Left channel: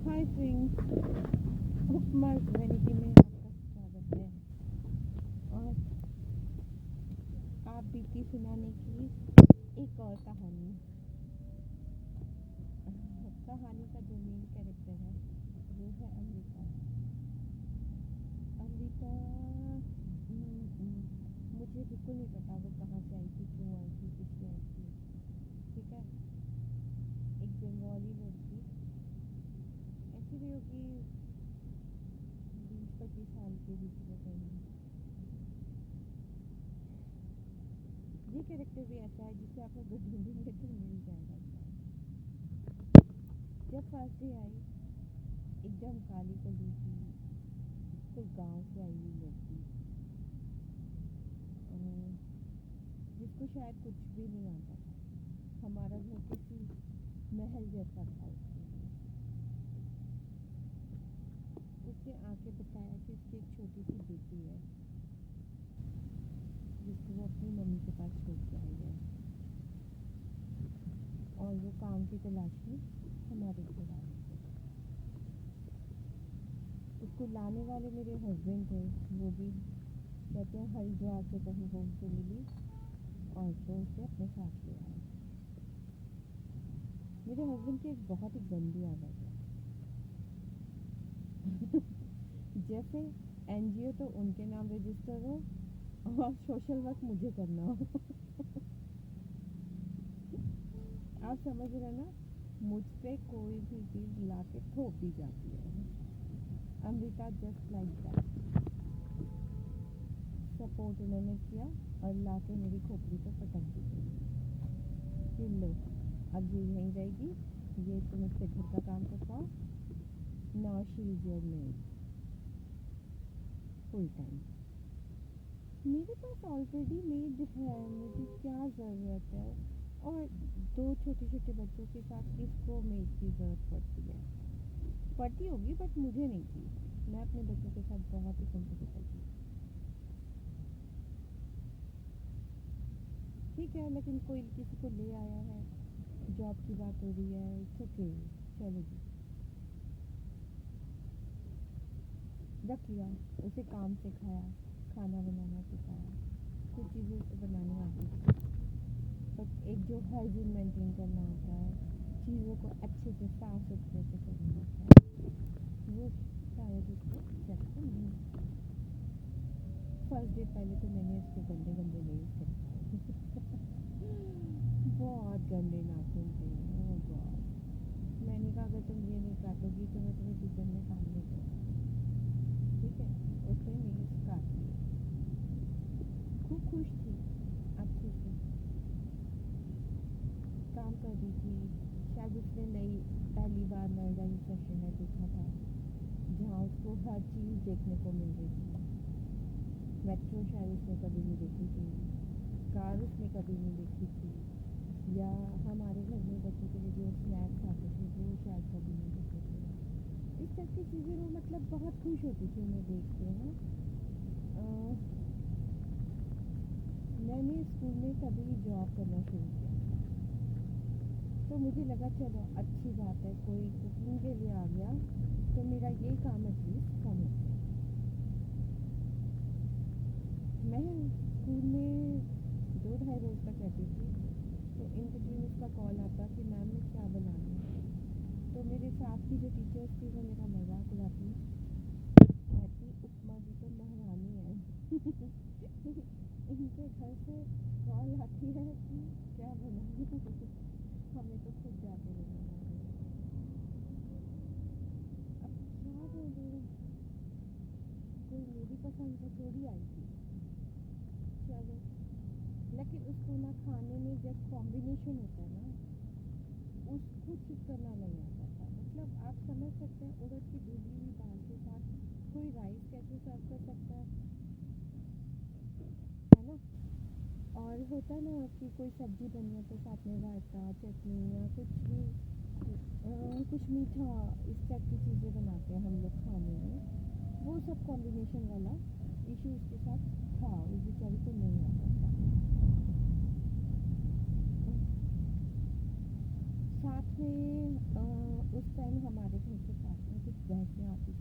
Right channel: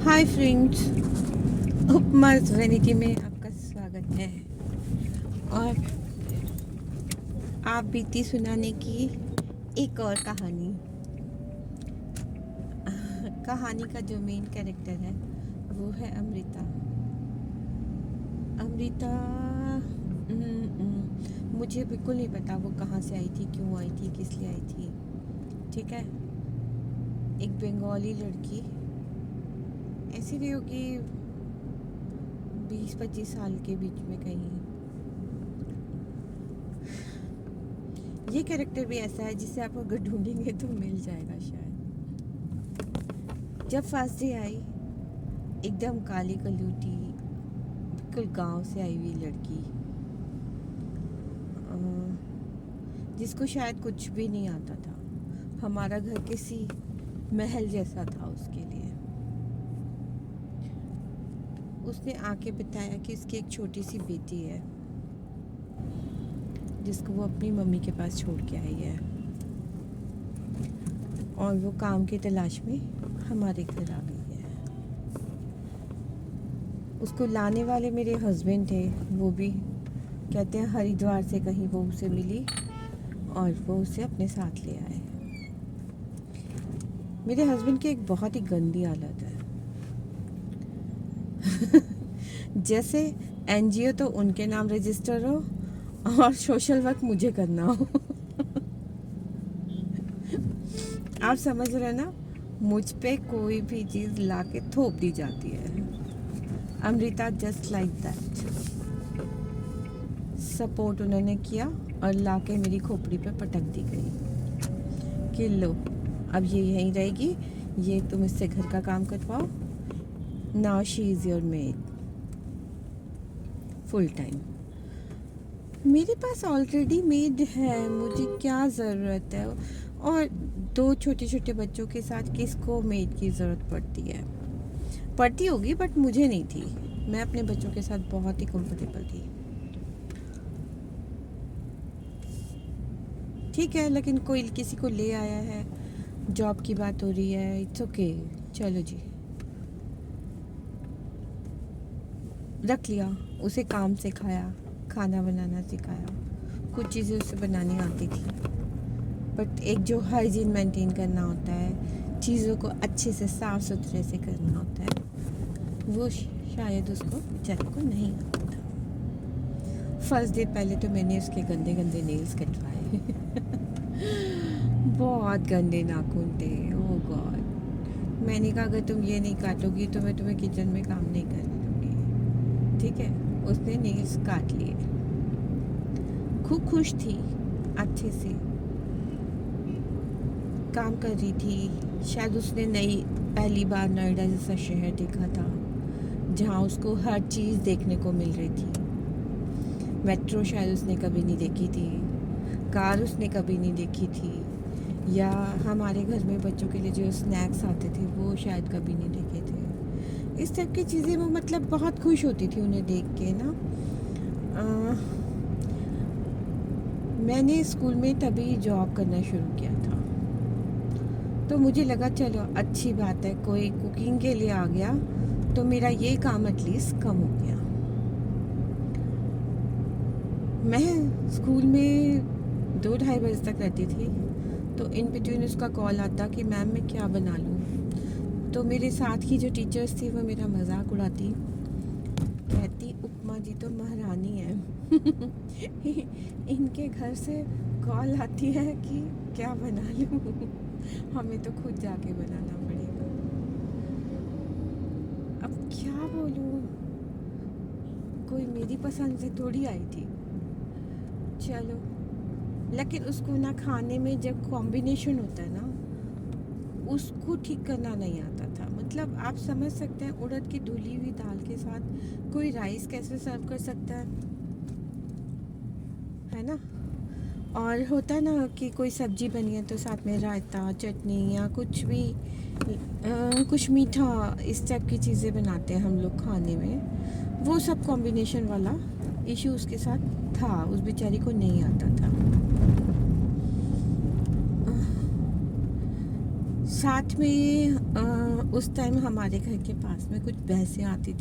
Hi friends, उपमा vanity में आपका स्वागत है। और आप बीती सुनाने की एक और कहानी। कहानी का जो मेन कैरेक्टर है वो है अमृता। अमृता मुझे बिल्कुल नहीं पता वो कहाँ से आई थी, क्यों आई थी, किस लिए आई थी। ठीक है, एक बंगाली लड़की, ऐसी भी होगी 20-25 साल के बीच में कहीं। ये कैरेक्टर भी ऐसा है जिसे आप अगर ढूंढेंगे तो मिल जाएगा शायद। जब फर्स्ट डे आई, एकदम काली कलूटी, बिल्कुल गांव से आई हुई लड़की, जिसको शायद कुछ भी नहीं आता था। हमारा घर किसी महल जैसा था उसके लिए। उसने आके बताया कि उसकी एक छोटी सी बेटी है जिसको वो अपनी मम्मी के पास छोड़ के आई है, और वो काम की तलाश में हमारे घर आ गई है। उसको लाने वाले मेरे हस्बैंड थे, वो भी कहते हैं हरिद्वार से कहीं वो उसे मिली और वो उसे अपने साथ ले आए। मेरे हस्बैंड की एक बहुत ही गंदी आदत है। जैसे एनजीओ तो उनके नाम रजिस्टर हो और सोशल वर्क मुझे करना हो। आप समझ रहे ना, मुझ पे कोई भी चीज़ ला के थोप दी जाती है। Amrita just like that. Support उन्होंने किया और ला के मेरी खोपड़ी पे पटक दी गई कि लो, अब ये यहीं रहेगी, ये तुम इससे घर का काम करवाओ। Now she is your made full time. मेरे पास ऑलरेडी मेड है, मुझे क्या ज़रूरत है। और दो छोटे छोटे बच्चों के साथ किसको मेड की ज़रूरत पड़ती है। पड़ती होगी बट मुझे नहीं थी। मैं अपने बच्चों के साथ बहुत ही कंफर्टेबल थी। ठीक है, लेकिन कोई किसी को ले आया है, जॉब की बात हो रही है, इट्स ओके, चलो जी, रख लिया। उसे काम सिखाया, खाना बनाना सिखाया, कुछ चीज़ें उसे बनानी आती थी, बट एक जो हाइजीन मेंटेन करना होता है, चीज़ों को अच्छे से साफ़ सुथरे से करना होता है, वो शायद उसको बेचारे को नहीं आता था। फर्स्ट डे पहले तो मैंने उसके गंदे गंदे नेल्स कटवाए। बहुत गंदे नाखून थे, ओह गॉड। मैंने कहा अगर तुम ये नहीं काटोगी तो मैं तुम्हें किचन में काम नहीं करने दूँगी। ठीक है, उसने नेल्स काट लिए। खूब खुश थी, अच्छे से काम कर रही थी। शायद उसने नई पहली बार नोएडा जैसा शहर देखा था जहाँ उसको हर चीज़ देखने को मिल रही थी। मेट्रो शायद उसने कभी नहीं देखी थी, कार उसने कभी नहीं देखी थी, या हमारे घर में बच्चों के लिए जो स्नैक्स आते थे वो शायद कभी नहीं देखे थे। इस टाइप की चीज़ें वो मतलब बहुत खुश होती थी उन्हें देख के ना। मैंने स्कूल में तभी जॉब करना शुरू किया था, तो मुझे लगा चलो अच्छी बात है, कोई कुकिंग के लिए आ गया तो मेरा ये काम एटलीस्ट कम हो गया। मैं स्कूल में 2-2:30 बजे तक रहती थी, तो इन बिटवीन उसका कॉल आता कि मैम मैं क्या बना लूँ। तो मेरे साथ की जो टीचर्स थी वो मेरा मजाक उड़ाती, कहती उपमा जी तो महारानी है। इनके घर से कॉल आती है कि क्या बना लूँ। हमें तो खुद जाके बनाना पड़ेगा। अब क्या बोलूँ, कोई मेरी पसंद से थोड़ी आई थी। चलो, लेकिन उसको ना खाने में जब कॉम्बिनेशन होता है ना, उसको ठीक करना नहीं आता था। मतलब आप समझ सकते हैं, उड़द की धुली हुई दाल के साथ कोई राइस कैसे सर्व कर सकता है ना। और होता है ना कि कोई सब्जी बनी है तो साथ में रायता, चटनी या कुछ भी कुछ मीठा, इस टाइप की चीज़ें बनाते हैं हम लोग खाने में। वो सब कॉम्बिनेशन वाला इशू उसके साथ था, उस बेचारी को नहीं आता था। साथ में उस टाइम हमारे घर के पास में कुछ भैंसें आती थी